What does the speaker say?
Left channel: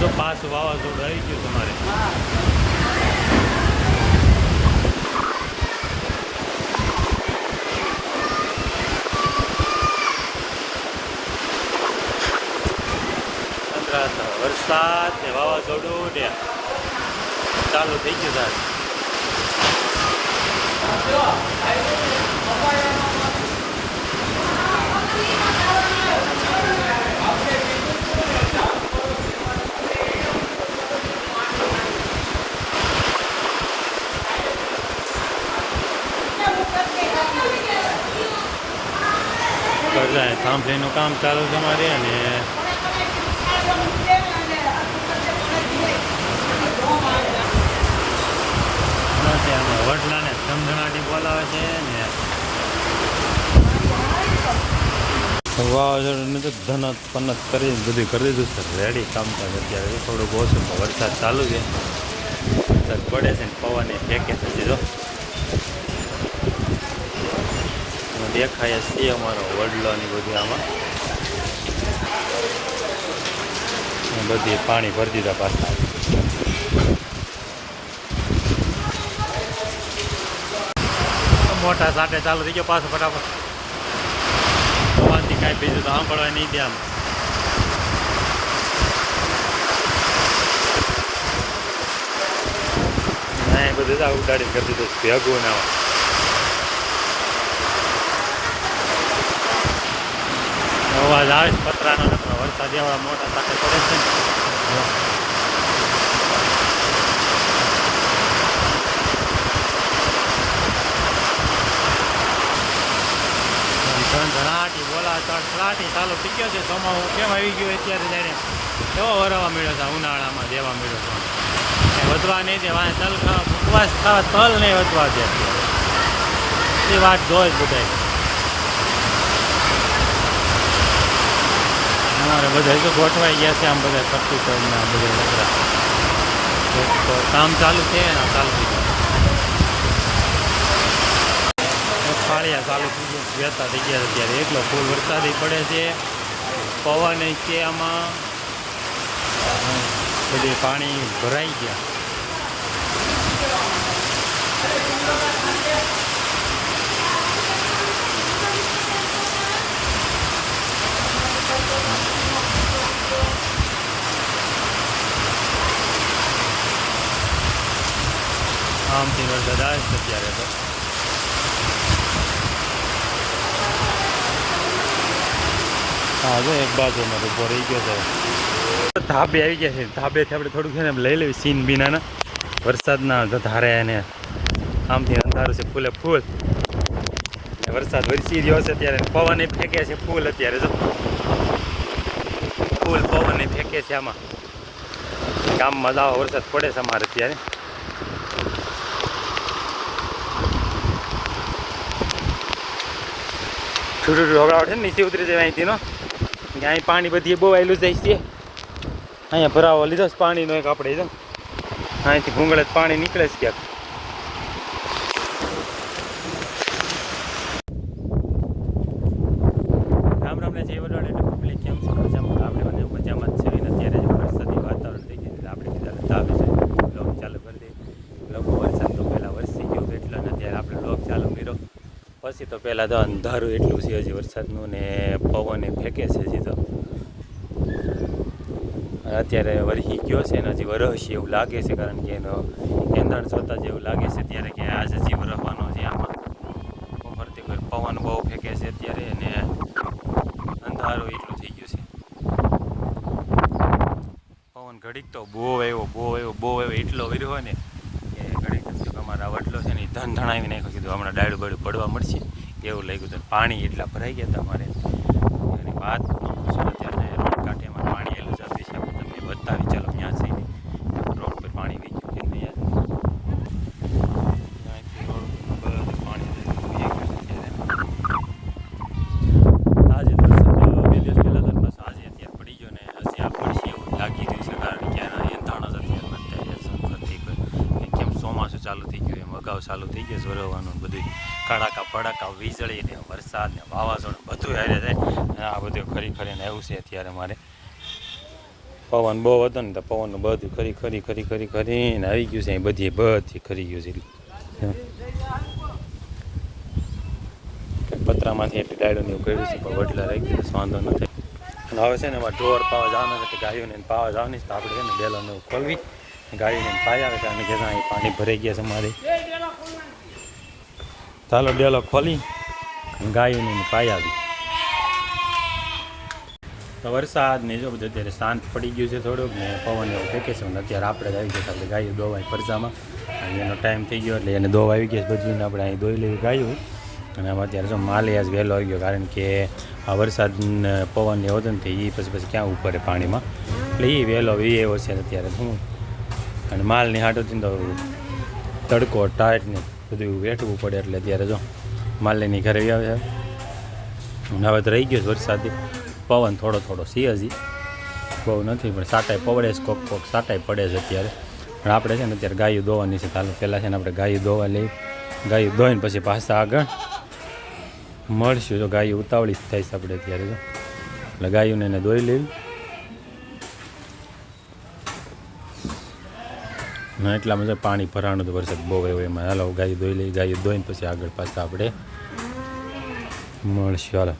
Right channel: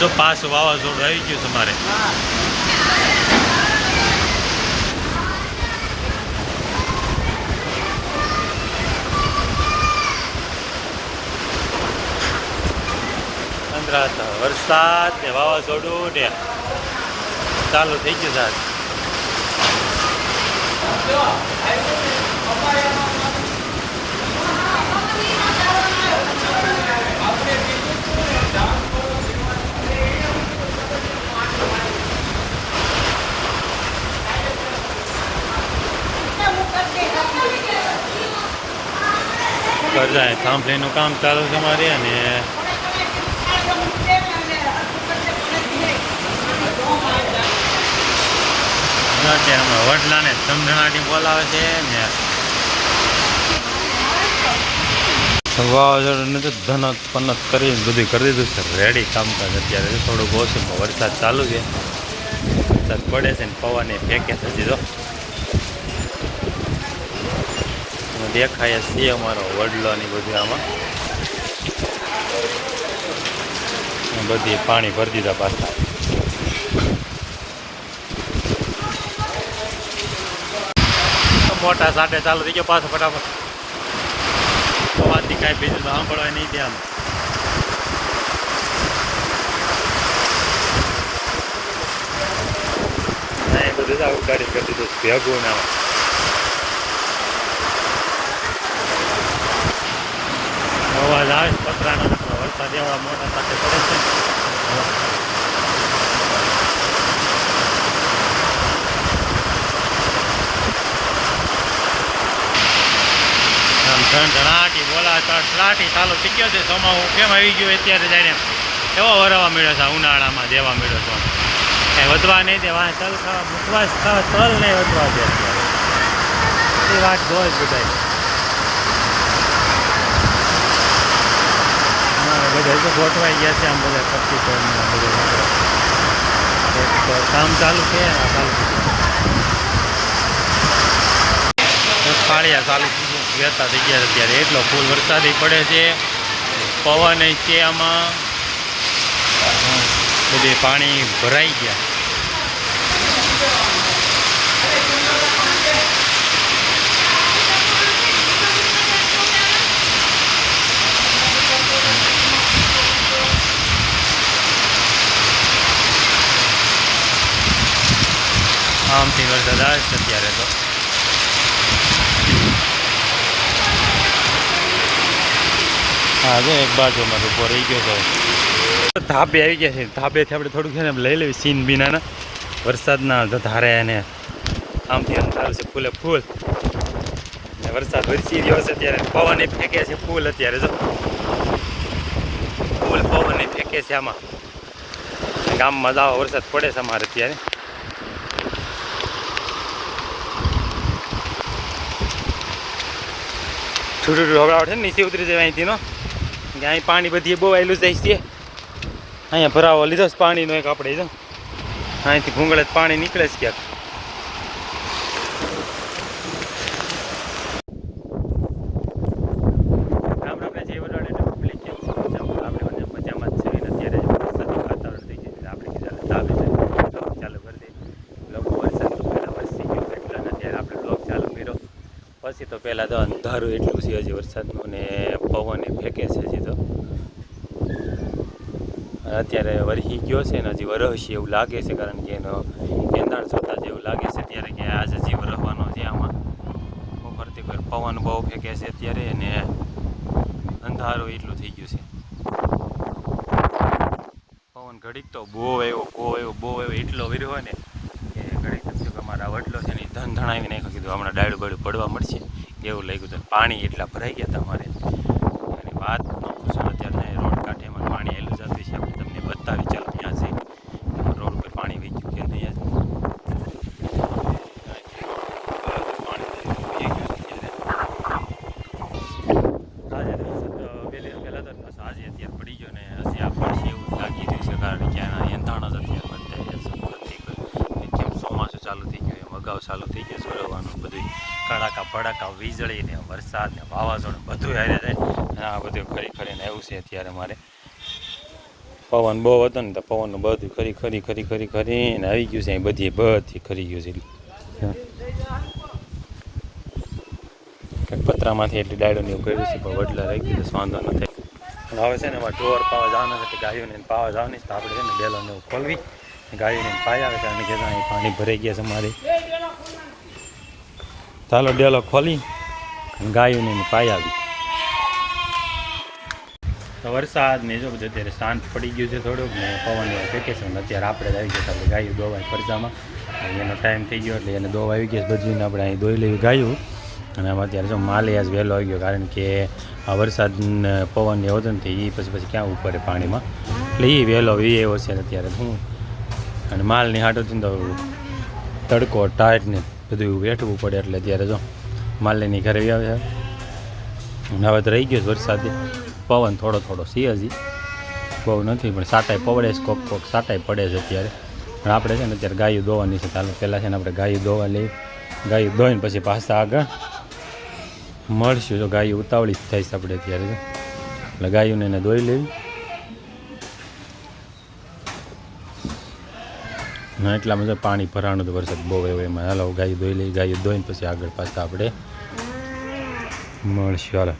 જો પાછું વાવાઝોડું આવી ગયું તમારે. વરસાદ ને વાવાઝોડું ને ચાલુ થઈ ગયું સાહેબ. કરજાય થાંભલીનું કામ ચાલુ છે અમારે. અને હમણાં વડલાને ધમધણાટી બોલાવે છે ને વાવાઝોડું તો ધનત પનત કરી બધું કરી દીધું છે રેડી કામકાજ. અત્યારે થોડુંક ઓછું વરસાદ ચાલુ છે, વરસાદ પડે છે ને પવને ફેંકે છે સીધો. દેખાય છે અમારો વડલો ની બધી આમાં બધી પાણી ભરી દીધા પાછા. મોટા સાટે ચાલુ થઈ ગયો પાછો ફટાફટ. પવનથી કાંઈ બીજું તો સાંભળવા નહીં છે આમ. નહીં બધું આવું ગાડી કરી દીધું ભેગું ના અવાજ આવે છે પતરાનો. વરસાદ એવા મોટા સાથે પડે છે. ધણાટી બોલા તળાટી ચાલુ થઈ ગયો છે. સોમાવું કેમ આવી ગયું અત્યારે જઈને એવો વરવા મળ્યો છે ઉનાળામાં દેવા મળ્યો છે. કંઈ વધવા નહીં દે વાંહે તલ ખાવા મુકવાસ ખાવા તલ નહીં વધવા દે અત્યારે. એ વાત જોઈ બધા અમારે બધા તો ગોઠવાઈ ગયા છે આમ બધા પટ્ટી કરીને આ બધા કામ ચાલુ છે ને ચાલુ થઈ ગયું. ફાળિયા ચાલુ વહેતા થઈ ગયા અત્યારે. એટલો ફૂલ વરસાદ પડે છે, પવન છે આમાં, બધે પાણી ભરાઈ ગયા. આમથી વરસાદ આવે છે અત્યારે તો. હા જો એક બાજુમાં ઉભો રહી ગયો તો ધાબે આવી ગયા છે. ધાબેથી આપણે થોડુંક છે ને લઈ લેવી સીન બીનાના વરસાદના ધારે. અને આમથી અંધારું છે ફૂલે ફૂલ ને વરસાદ વરસી રહ્યો છે અત્યારે. પવન ફેંકે છે ફૂલ અત્યારે જો ફૂલ પવન ફેંકે છે આમાં. ગામમાં જાવ વરસાદ પડે છે અમારે અત્યારે. છૂટું હવડાવટ છે ને નીચે ઉતરી જાય અહીંથી નો. અહીં પાણી બધી બહુ આવેલું જાય છે. અહીંયા ભરાવો લીધો છે પાણીનો એક આપણે જો અહીંથી ભૂંગળે પાણી નીકળે છે ક્યાંક. રામ રામ ને જય વડવાડ એટલે પબ્લિક કેમ છે મજામાં? આપણે બધું મજામાં જ છે. અત્યારે વરસાદનું વાતાવરણ થઈ ગયું આપણે ચાલુ કરી દઈએ લોકો. વરસાદ તો પહેલાં વરસી ગયું એટલે અત્યારે આપણે લોક ચાલુ કર્યો. પછી તો પહેલાં તો અંધારું એટલું છે હજી વરસાદનું ને પવન ફેંકે છે હજી તો. અત્યારે વરસી ગયો છે ને હજી વરસી એવું લાગે છે, કારણ કે એનો એંધાણ જોતા જેવું લાગે છે ત્યારે કે આજે હજી વરસવાનો છે આમાં. ફરતી ફર પવન બહુ ફેંકે છે અત્યારે અને અંધારું એટલું થઈ ગયું છે. પવન ઘડીક તો બહુ આવ્યો એટલો વર્યો ને કે ઘડીક અમારા વડલો છે ને ધન ધણાવી નાખ્યો. કીધું હમણાં ડાળું બાળું પડવા મળશે એવું લાગ્યું હતું. પાણી એટલા ભરાઈ ગયા તમારે એની વાત ન પૂછો. અત્યારે રોડ કાંઠે એમાં પાણી એલું જતું છે. આપણે તમને બતાવી ચાલો ક્યાં છે એમાં રોડ પર પાણી વહી ગયું છે. આજે બે દિવસ પહેલાં તો બસ આજે અત્યારે પડી ગયો ને હજી આ પછી લાગી ગયું છે, કારણ કે એંધાણ જ અત્યારે બતાવી કેમ ચોમાસું ચાલુ થઈ ગયું એમ અગાઉ ચાલુ થઈ ગયું વરવાનું બધું. કડાકા ભડાકા વીજળી ને વરસાદ ને વાવાઝોડું બધું આવે છે. આ બધું ખરી ખરીને આવ્યું છે અત્યારે મારે. પવન બહુ હતો ને તો પવનનું બધું ખરીને આવી ગયું છે. અહીં બધી ખરી ગયું છે. કંઈક પતરામાંથી એટલી ડાયડોને એવું કર્યું છે પણ વડલા રહી ગયું તો વાંધો ન થાય. હવે છે ને એમાં ઢોર પાવા જવાના છે, ગાયોને પાવા જવાની છે. તો આપણે છે ને બેલોને એવું ખોલવી, ગાયોને પાઈ આવે છે. અને કે અહીં પાણી ભરાઈ ગયા છે અમારે. ચાલો ડેલો ખોલી અને ગાયોને પાઈ આવી. તો વરસાદ ને જો બધું અત્યારે શાંત પડી ગયું છે થોડુંક ને પવન એવું ફેંકે છે. અત્યારે આપણે જ આવી ગયા આપણે ગાયો દોવાય ફરસામાં. અને એનો ટાઈમ થઈ ગયો એટલે એને દોવા આવી ગયા બધીને આપણે અહીં દોઈ લેવી ગાયું. અને આમાં અત્યારે જો માલે આજ વહેલો આવી ગયો, કારણ કે આ વરસાદ પવન એવો હતો ને એ પછી ક્યાં ઉપર પાણીમાં, એટલે એ વહેલો એવો છે અત્યારે શું. અને માલની હાટોથી તો તડકો ટાઈટ ને બધું વેઠવું પડે, એટલે અત્યારે જો માલની ઘરે આવે છે. અને હવે તો રહી ગયો વરસાદ, પવન થોડો સી હજી બહુ નથી, પણ સાટાઈ પડે છે, કોક સાટાઈ પડે છે અત્યારે. પણ આપણે છે ને અત્યારે ગાયું દોવાની છે. ચાલો પહેલાં છે ને આપણે ગાયું દોવા લઈ, ગાયું દોઈને પછી પાછા આગળ મળશું. જો ગાયું ઉતાવળી થાય છે આપણે અત્યારે, જો એટલે ગાયોને એને દોઈ લેવી. ના એટલામાં જો પાણી ભરાણું તો વરસાદ બહુ આવ્યો એમાં. હાલો ગાયું દોઈ લઈ, ગાયું દોઈને પછી આગળ પાછા આપણે મળશું. હાલો.